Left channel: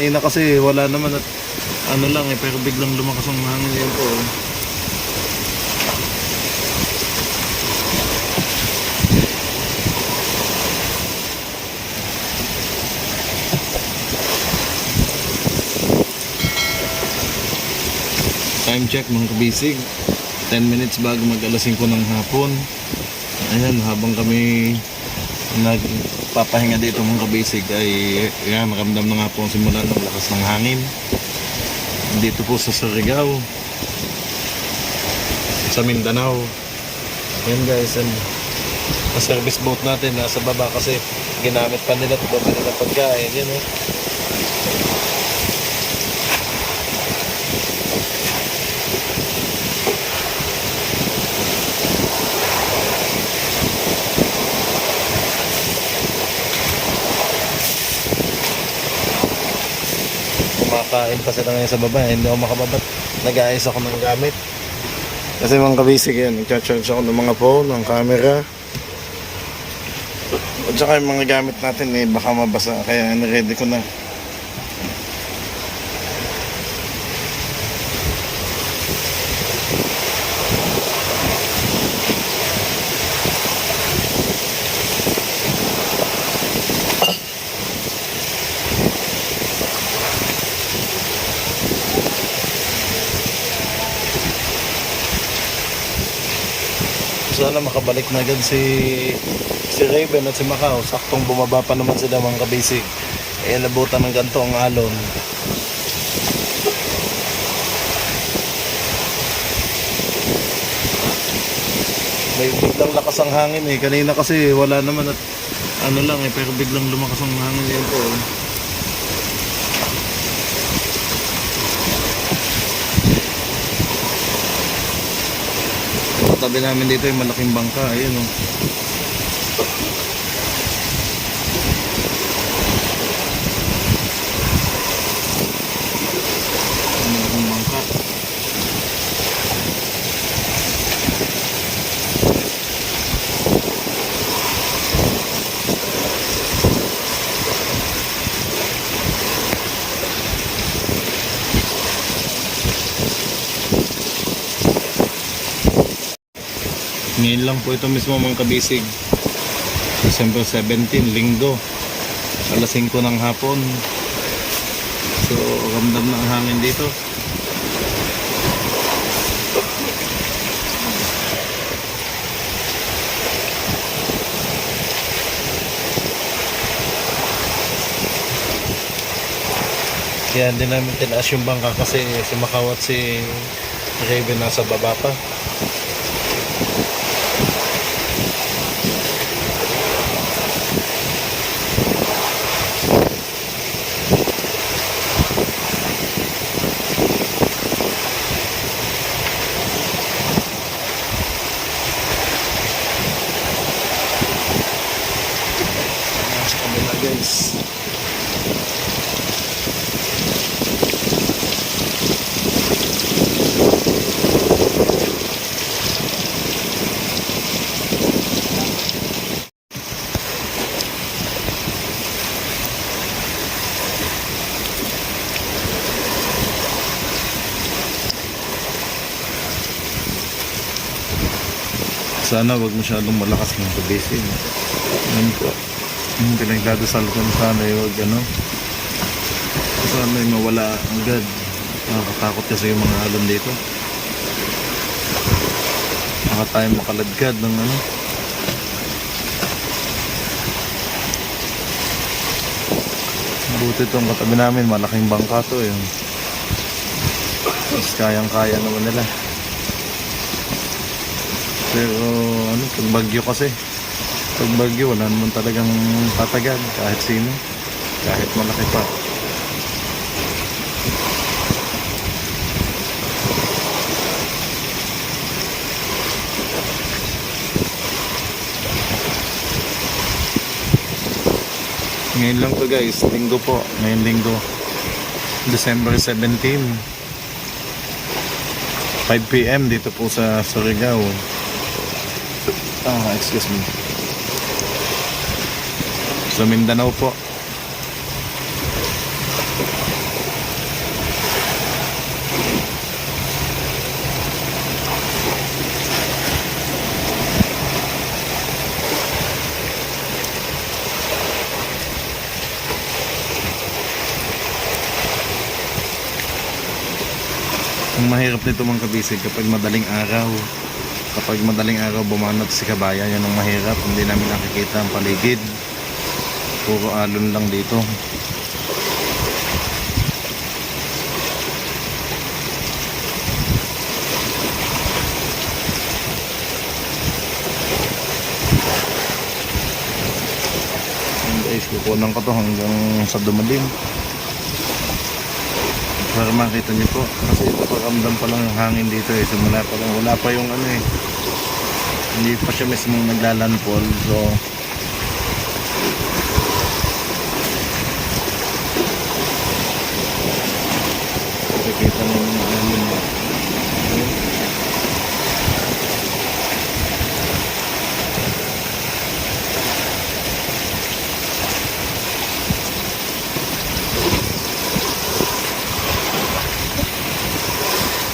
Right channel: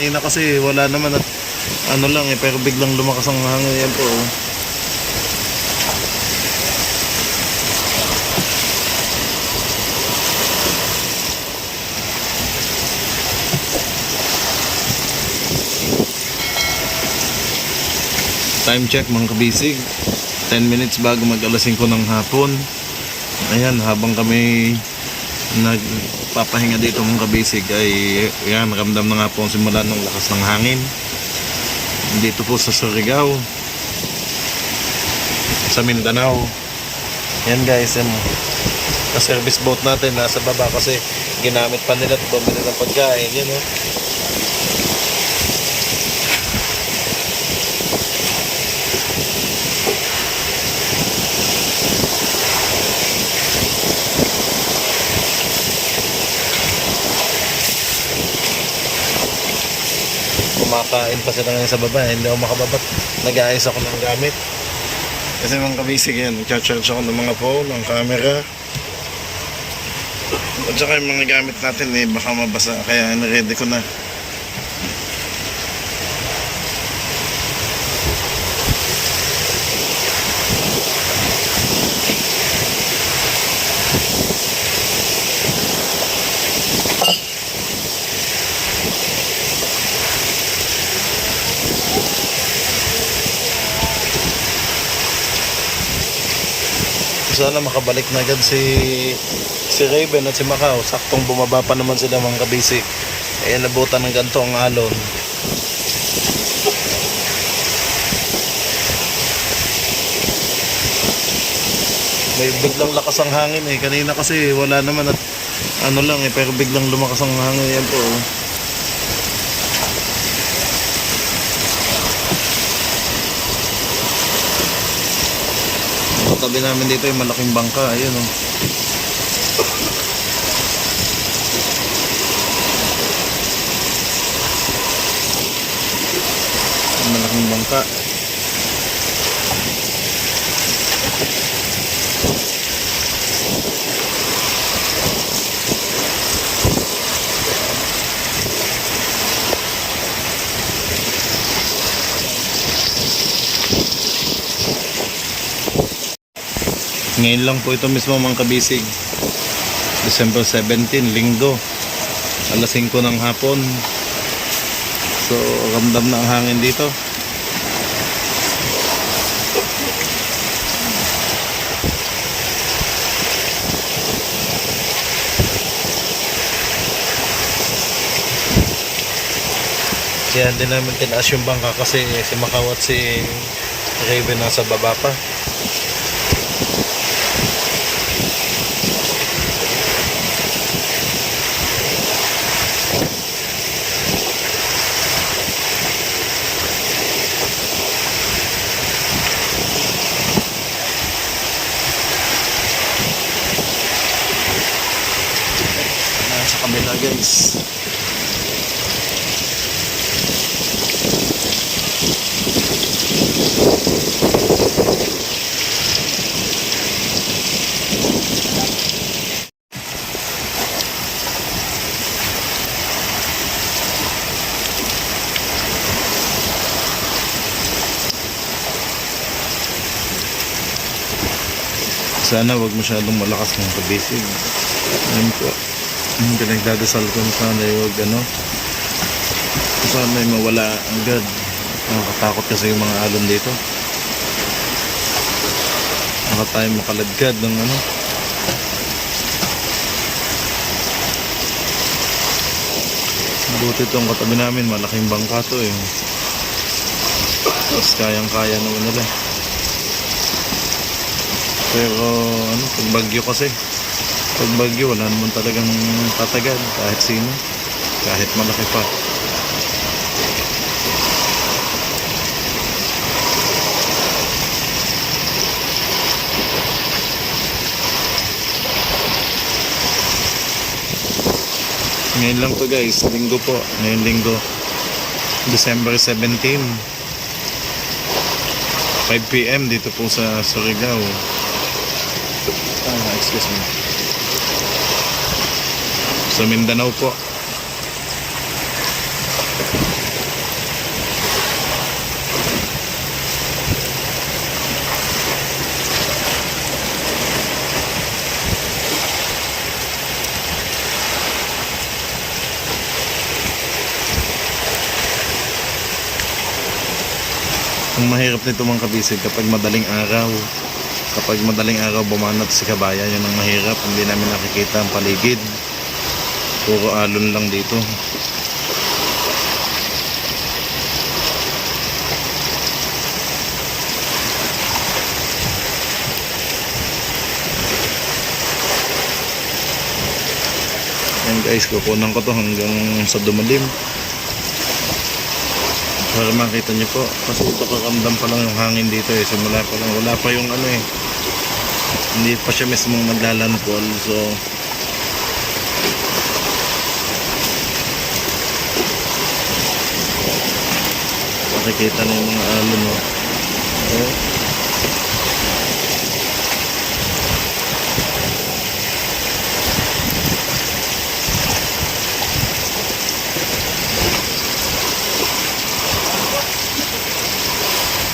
Kanina kasi wala naman at ano lang eh, pero biglang lumakas ang hangin. Yan po. Time check mga kabisig, 10 minutes bago mag alas 5 ng hapon. Ayan, habang kami nagpapahinga dito mga kabisig ay yan, ramdam na nga po ang simula ng lakas ng hangin dito po sa Surigao, sa Mindanao. Yan guys, yan, na service boat natin nasa baba kasi ginamit pa nila ito bumili ng pagkain. Yan o. Kumakain pa sila ngayon sa baba, hindi ako makababat. Nag-aayos ako ng gamit kasi mga kabisig yan, nag-charge ako ng mga phone, ng camera at saka yung mga gamit natin eh baka mabasa, kaya ready ko na. Sana makabalik na agad si Raven at si Macau. Saktong bumaba pa naman sila mga kabisig. Eh nabutan ng ganito ang alon. May biglang lakas ang hangin eh. Kanina kasi wala naman at ano lang eh, pero biglang lumakas ang hangin. Yan po. Tabi namin dito yung malaking bangka, ayun o. Malaking bangka. Ngayon lang po ito mismo mga kabisig, December 17, linggo, alas 5 ng hapon. So ramdam na ang hangin dito. Kaya hindi namin tinaas yung bangka kasi si Macau at si Raven nasa baba pa. Kabila guys, sana wag masyadong malakas ng kabisig. Ano po, pinagdadasal ko na sana yung sana yung mawala agad. Nakakatakot kasi yung mga alon dito, baka tayo makaladkad ng buti itong katabi namin, malaking bangka to eh, mas kayang kaya naman nila. Pero pag bagyo kasi, pag bagyo wala naman talagang tatagal kahit sino, kahit malaki pa. Ngayon lang to guys, linggo po, ngayong linggo, December 17, 5 PM dito po sa Surigao. Excuse me, sa Mindanao po. mahirap nito mga kabisig kapag madaling araw. Kapag madaling araw bumanat si kabayan, yun ang mahirap. Hindi namin nakikita ang paligid. Puro alon lang dito. Yan guys, kukunan ko to hanggang sa dumalim para makita nyo po, kasi nakakamdam pa lang yung hangin dito eh. Simula pa lang, wala pa yung ano eh, hindi pa siya mismong naglalandfall. So nakikita na yung mga alon oh. Oh.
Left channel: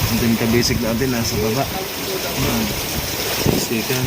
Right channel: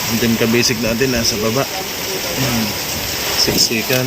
Ang team ka-basic natin nasa baba. Siksikan.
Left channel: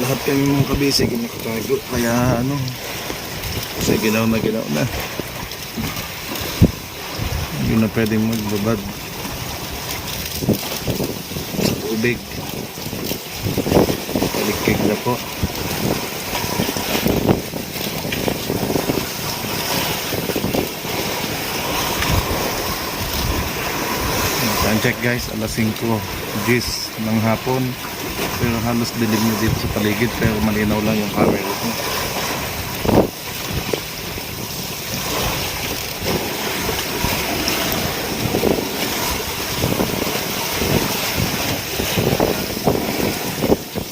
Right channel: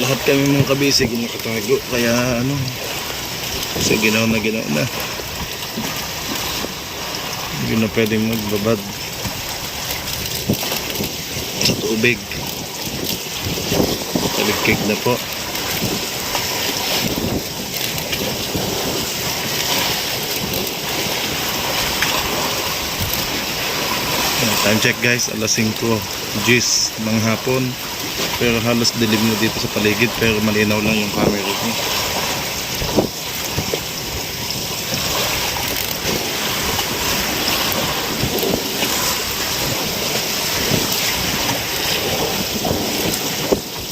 Lahat kami mga kabisig nakatago, kaya ano, kasi ginaw na hindi na pwedeng magbabad sa tubig, talikig na po. Time check guys, alas 5 G's ng hapon. Pero halos dilim na dito sa paligid, pero malinaw lang yung camera ko.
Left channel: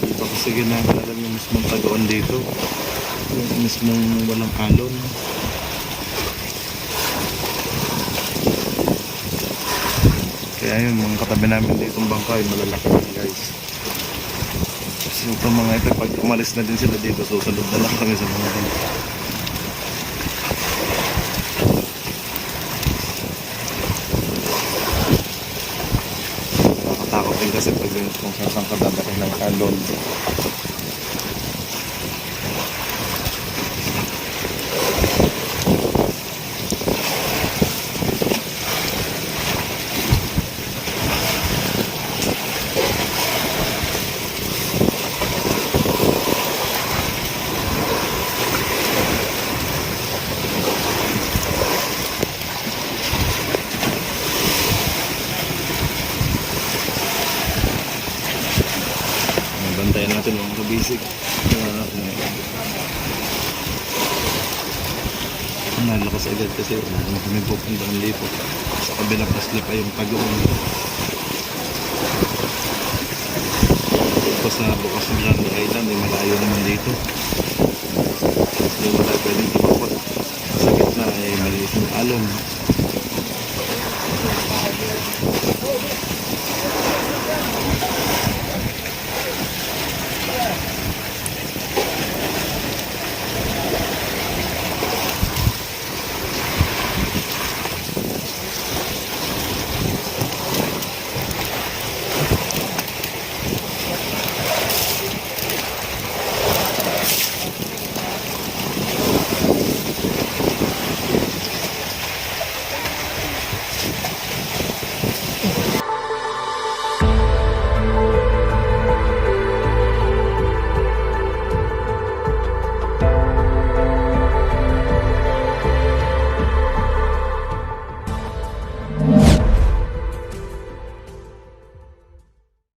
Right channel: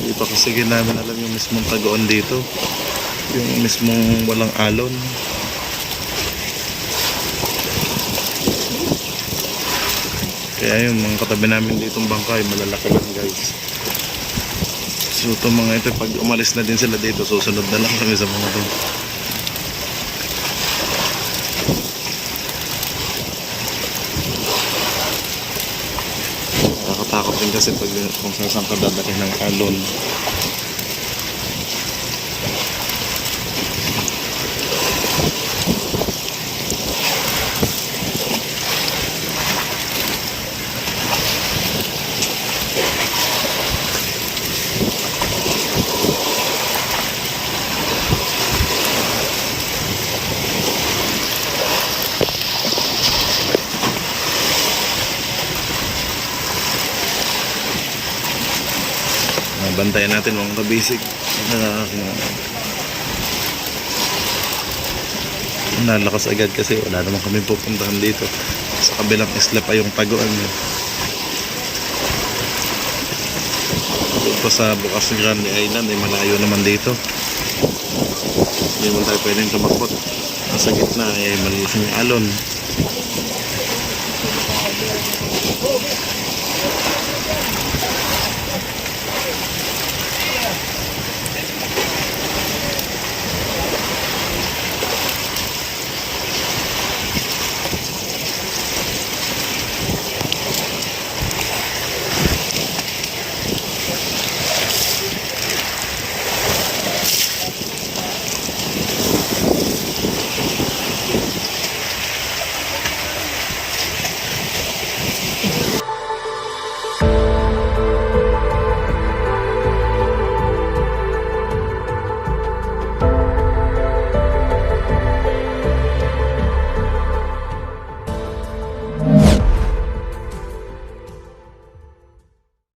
Hindi pa kasi namin alam yung mismong taguan dito, yung mismong walang alon. Kaya yun, mga katabi namin dito ng bangka ay malalaki lang guys. So itong mga ito, pag umalis na din sila dito, susunod na lang kami sa mga dito. Nakatakot din kasi pag kung saan ka dadalhin ng alon. Bantayan natin mga kabisig na nalakas agad kasi wala naman kami pupuntahan dito. Sa kabilang isla pa yung taguan. Doon pa sa Bukas Grande Island ay malayo naman dito. Hindi mo tayo pwedeng kapakot. Ang sa gitna ay maliit yung alon.